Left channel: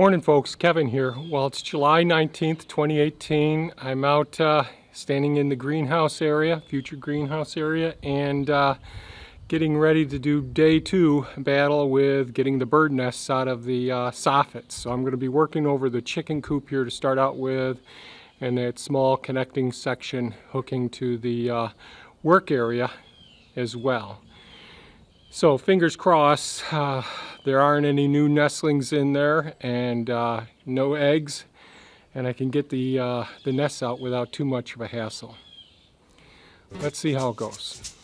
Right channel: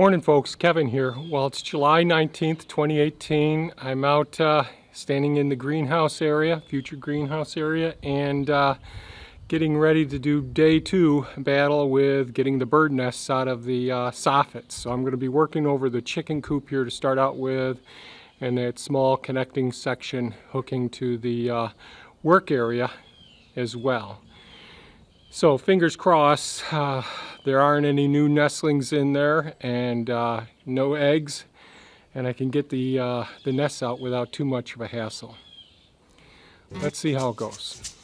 Morning folks, Kevin here. Well, it's July 19th, 2018. I'm out standing in the greenhouse area, future greenhouse area, and getting ready to do day 2 battle with getting the bird nests out of the soffits. So I'm going to be working over the chicken coop here to start out with, and that small connecting section hooking to the work area as well. So fingers crossed, there aren't any new nestlings in there and no eggs, and I can get the nests out without too much of a hassle. Let's see how it goes.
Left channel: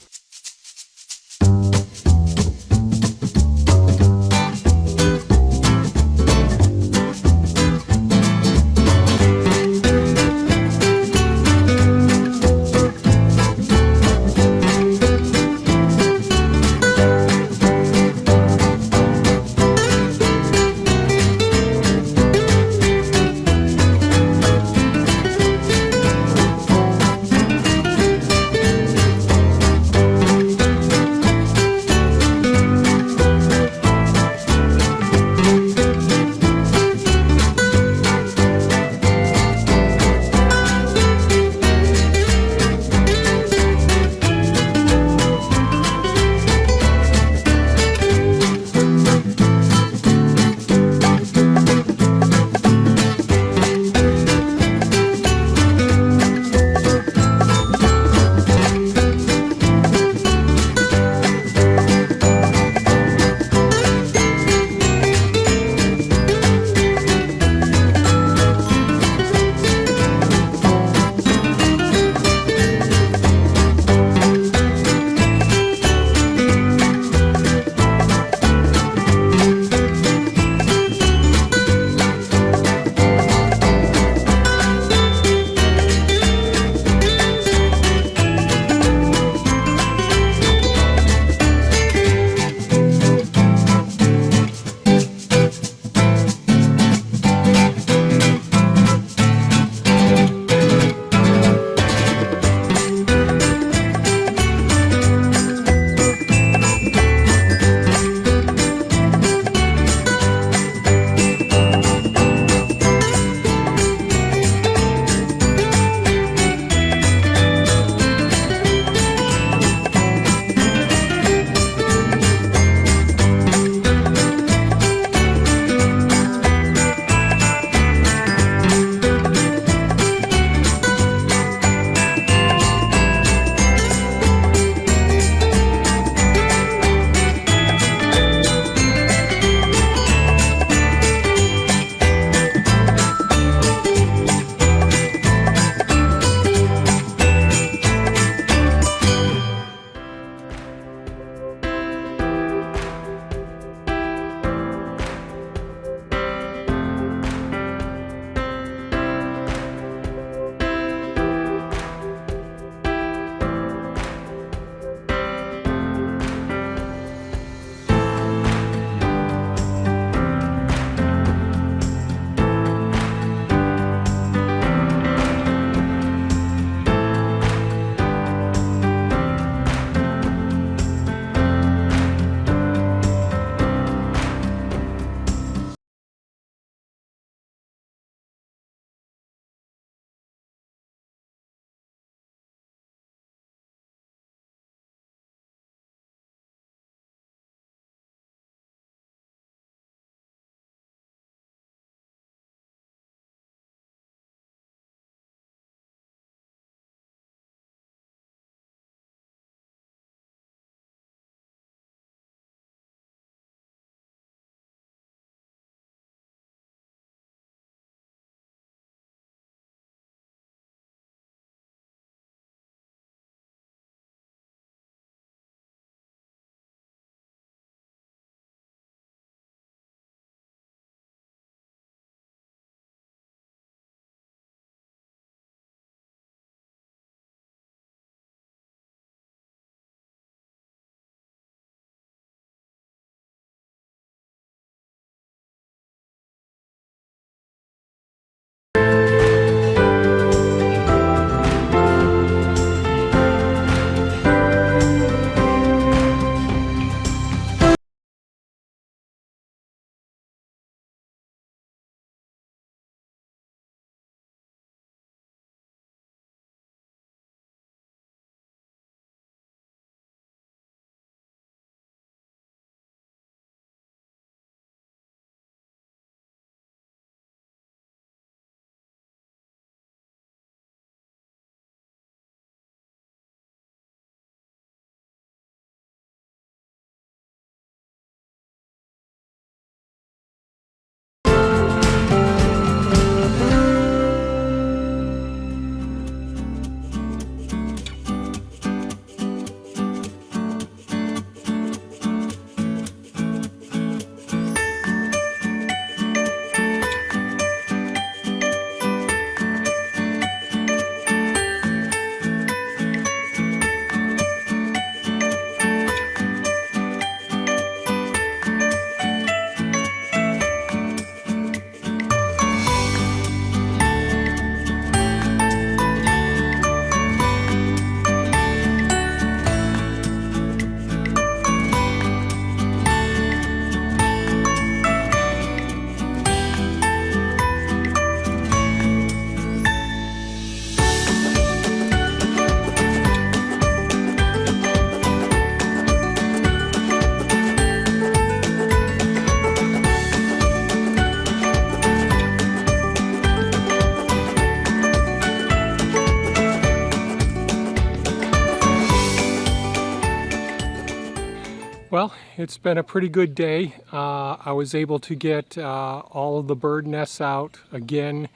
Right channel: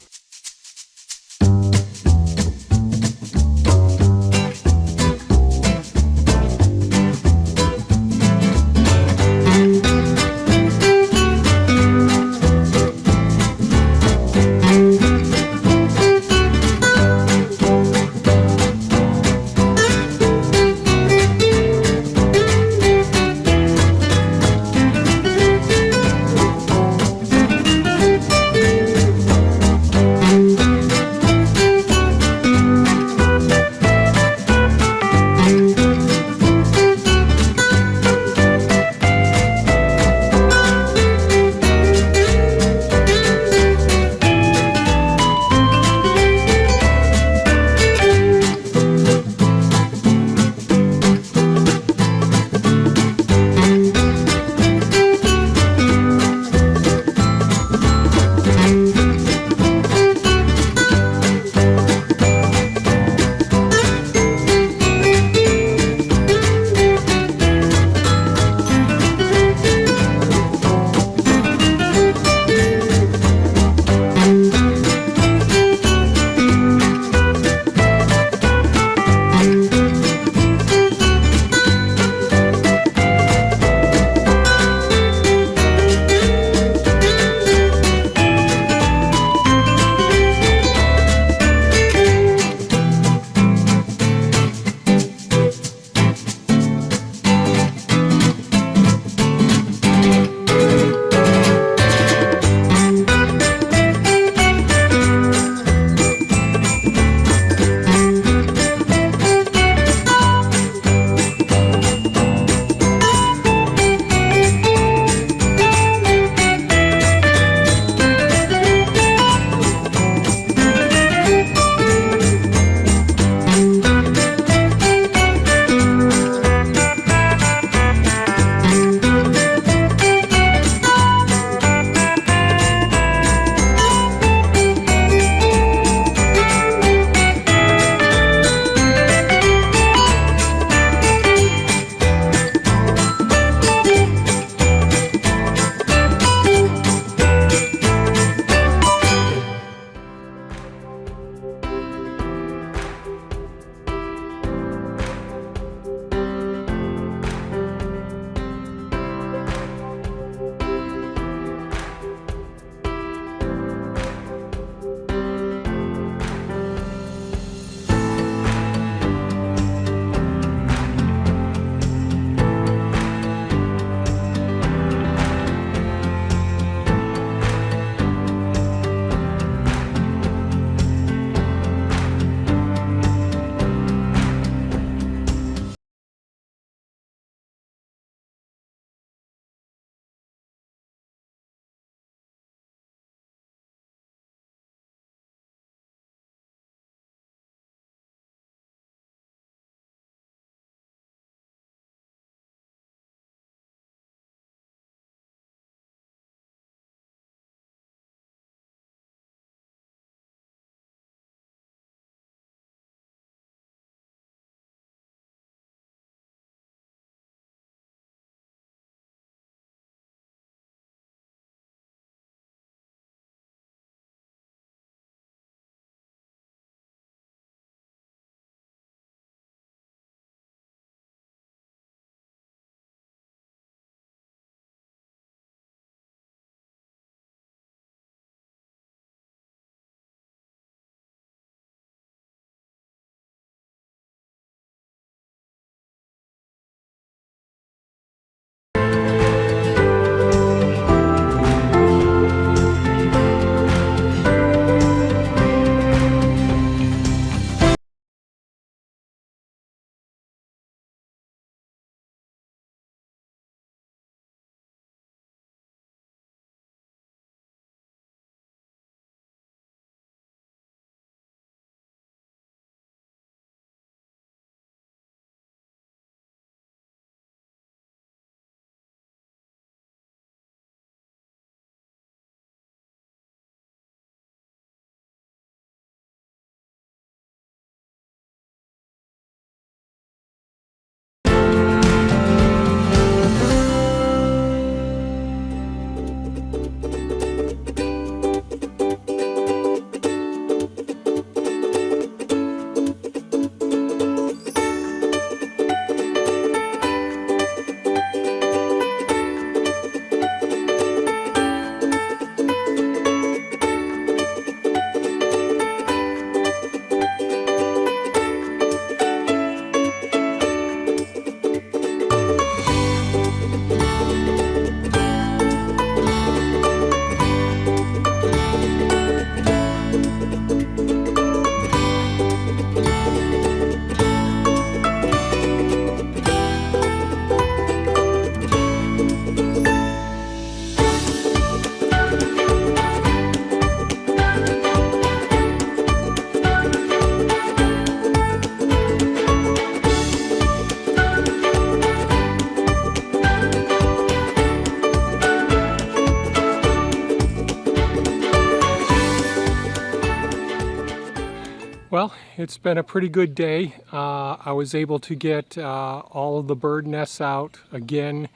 it's been a pretty good day. I was able to get all of the bird nests out again.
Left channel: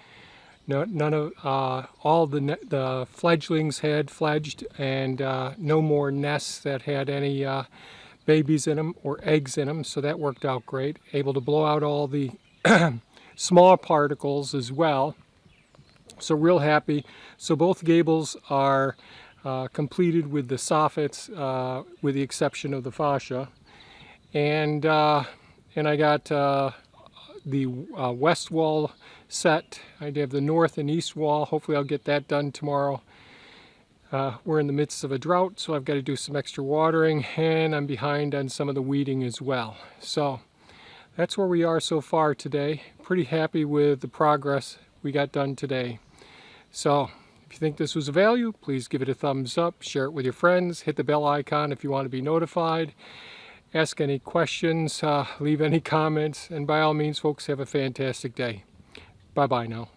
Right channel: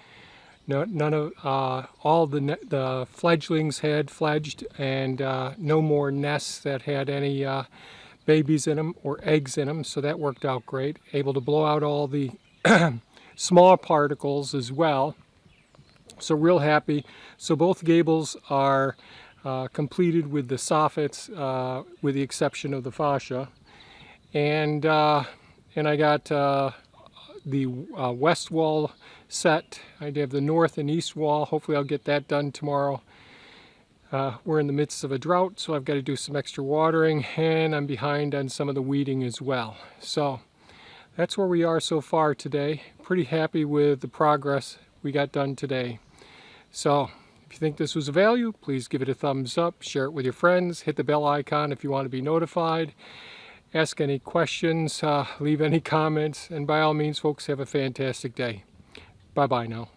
None of all the fledglings had fledged, and no more nests that had any babies in them or eggs in them, so that worked out great. Able to blow out all the small particles as well, so real happy. So both gables are completed with the soffits, with the exception of the fascia, and I got the west wall set. I have the north and east wall. Hopefully I'll get that done tomorrow. We're in the midst of a drought, so I've got to do some extra watering, and I'm behind on some of the weeding as well. So that's where we are so far today. Pretty happy with the progress we got done today. So if you think this was of value, please give it a thumbs up, share it with your friends, hit the bell icon if you want to be notified, ask any questions, leave any comments, and by all means, folks, have a fantastic day. Bye-bye now.